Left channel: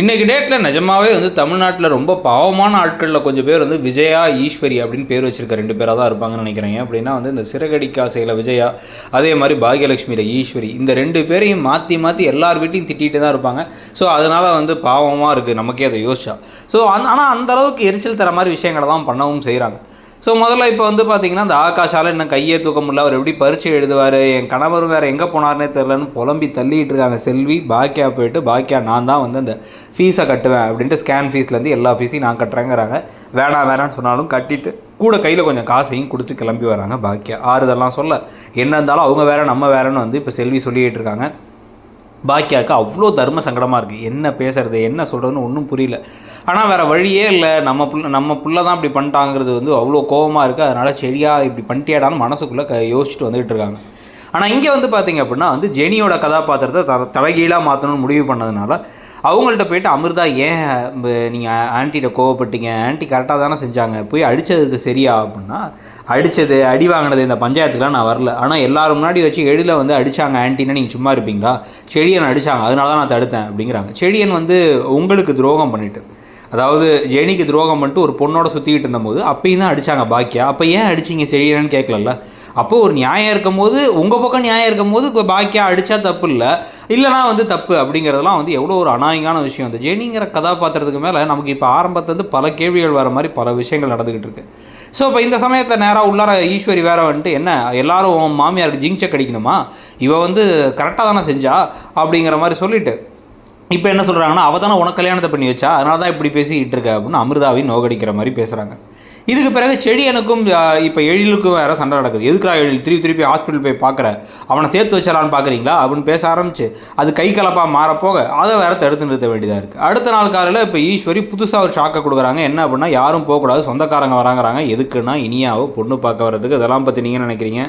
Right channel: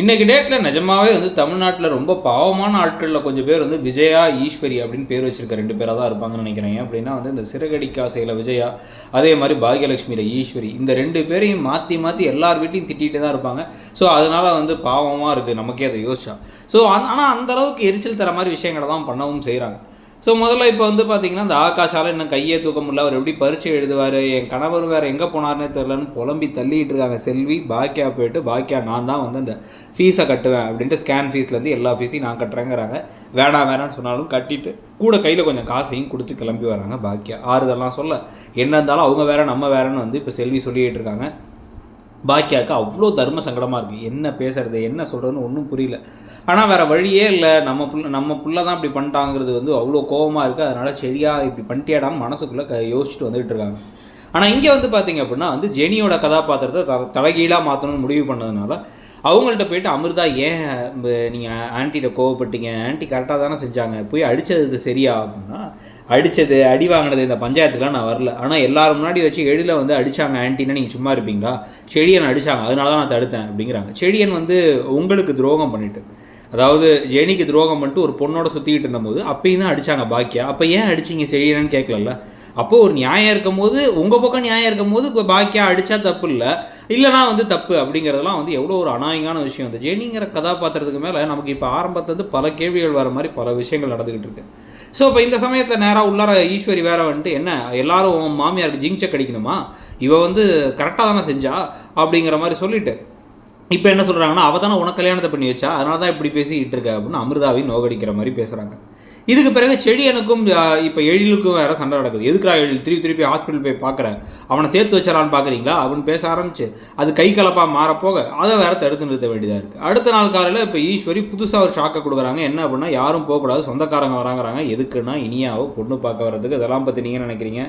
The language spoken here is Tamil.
இன்றைக்கி டேட்டில் நிஜமாவே வந்து தமிழ்நாட்டில் ரொம்ப பாவமான ஆட்களில் கொஞ்சம் பேர் வந்து விஜயா ஈஸ்வரி அப்படின்னு பேர் வச்சுருக்க ரெண்டு பேராக தான் இருப்பாங்கன்னு நினைக்கிறேன். ஏன் அப்படின்னா வந்து இந்த சிறகடிக்காசையில் விஜயா அதே மாதிரி பாகியலட்சுமியில் ஈஸ்வரி இந்த ரெண்டு பேரையும் மாற்றி மாற்றி எல்லார் வீட்டையும் திட்டிகிட்டு தான் இருப்பாங்க. ஸோ அதனால் வந்து பாவமாக இருக்குது நமக்கே அதை யோசிச்சா. ஸோ அந் ஆனால் அந்த அளவுக்கு எரிச்சல் தர மாதிரி விஷயங்களை தான் பண்ணவும் செய்கிறாங்க ஸோ முதல்ல இப்போ வந்து பார்த்தீங்கன்னா அந்த ஆகாஷால் இன்னும் கையே தூக்க முடியல. அவர் எப்படி பரீட்சை எழுதுவார்? என் கணவர் வேறு எங்கே போனார்னே தெரிலன்னு புலம்பி தள்ளிட்டு இருக்காங்க. செல்வி பாக்கியா போயிட்டு பாக்கியா நான் தான் வந்து அந்த ஃபீஸை கட்டுவேன் அப்படின்ட்டு ஸ்கேன் ஃபீஸ்லேருந்து எல்லா ஃபீஸையும் நான் கட்டுறேங்கிறாங்க. வேணாம் வேணாம்னு சொன்னாலும் கட்டிட்டு கூட கையில் கொஞ்சம் காசையும் கொடுத்து கிளம்பி வராங்க பாக்கியா ஆறுதெல்லாம் சொல்ல என்ன இருந்தாலும் அவங்க வேறு நம்ம வேறன்னு வந்து இப்போ செல்வி சொல்லிக்கிட்டு இருக்காங்க. பாக்கியாவுக்கு அவ்வளோ தர்ம சங்கடமாக இருக்குது என்ன பேசுறது என்ன சொல்கிறதுன்னு ஒன்றும் புரியல. ஆனால் வேறு வழியே இல்லை. நம்ம புள்ள நம்ம புள்ள தான் இப்படி பண்ணிட்டாங்கிறது வந்து அவ்வளோ கோபமாக இருக்குது அதனால் சரியாக இப்படி பண்ணிட்டேடான்னு மனசுக்குள்ளே க யோசிச்சுட்டு வந்துகிட்டு இருக்காங்க. ஆனால் இங்கே வந்து பார்த்தீங்க அப்படின்னா வந்து ஜெனியோட கதாபாத்திரத்தை த தலைகீழாக மாற்றணும்னு முடிவு பண்ணதுனால அவங்கள்ட்ட போயிட்டு அமிர்தா ஏன் நீங்கள் ஆன்ட்டிகிட்ட கோவப்பட்டீங்க? ஆன்ட்டி கரெக்டாக தானே செஞ்சாங்க. போய் அடித்தது சரியா? அப்படின்னா அடித்தது அடி வாங்கினது இந்த பஞ்சாயத்துக்குலாம் நான் வரல. ஆனால் எல்லாரும் முன்னாடி வச்சு எழில வந்து அடித்தாங்க ஆன்ட்டினா நீங்கள் சும்மா இருப்பீங்களா? செழியன் அடித்தாங்க அதனால தான் நான் தடுத்தேன். அப்படிங்கிறாங்க. செழியன் வந்து உங்களுக்கு துரோகம் பண்ணிட்டு அதாவது ஜெனிக்கு துரோகம் பண்ணிட்டு ஒரு பொண்ணோட சுற்றிக்கிட்டு இருந்தபோது அப்பயும் தான் அடித்தாங்க பாக்கியா? அப்போ ஏன் அடிச்சிங்க செழியனன்னு கேட்கலல்ல அப்போது ஒரு நியாயம் இருக்கும் போது உங்கள் பக்கம் நியாயம் இருக்கும் போது இப்போ பாக்கியா அடித்தா தப்பு இல்லை. இல்லைனா வந்து தப்பு அப்படிங்கிறதெல்லாம் வந்து எவ்வளோ ஒரு அனா அநாயகமான விஷயம் வந்து ஜெனிங்கிற கதாபாத்திரத்துக்கு மேலே நமக்கு இப்போ ஆரம்பத்துலேருந்து பல கேள்விகள் வர மாதிரி பல விஷயங்கள் நடந்துக்கிட்டு இருக்கு. ஸோ இப்போ இந்த சமயத்தில் நேராக உள்ளார ஈஸ்வரி வேற வந்துட்டு என்ன எல்லாரும் உன் மாமியாருக்கு ஜிங்க் செக் அடிக்கணுமா? இவ வந்து கரெக்டாக தானே செஞ்சா? அப்படிங்கிற மாதிரி சொல்லிட்டு இப்போ என்ன சொல்கிறாங்கன்னா அவள் தானே உனக்கு கல்யாணத்தை பண்ணி வச்சா அதனால தான் இப்படி பேசிக்கிட்டு இருக்க அப்படின்னு அமிர்தாவையும் நோகடிக்கிற மாதிரி பேசுகிறாங்க இதுக்கு பிறகு செடியனுக்கும் இப்போ எழிலுக்கும் வேறு சண்டை நடக்குது. எதுக்குறா எழில் திருப்பி திருப்பி ஹாஸ்பிட்டல் போய் பார்க்குற? அவனை சேர்த்து வச்சிடலான்னு பார்க்குறீங்களா? அப்படின்னு பேச ஆரம்பிச்சு. அது கை கலப்பாக மாறப்போக அதை வேறு தடுத்து நிறுத்த வேண்டியதாக இருக்குது அடுத்த நாள் காலையில் இப்போ ஈஸ்வரி புதுசாக ஒரு ஷாக்கை கொடுக்குறாங்க. என்ன அப்படின்னா யாரும் போகக்கூடாது சொந்தக்காரங்க வராங்கிறாங்க. எதுக்குன்னா இனியாவோ பொண்ணு பார்க்க வர்றதுக்கு இதெல்லாம் பற்றி நீங்கள் நினைக்கிறீங்க?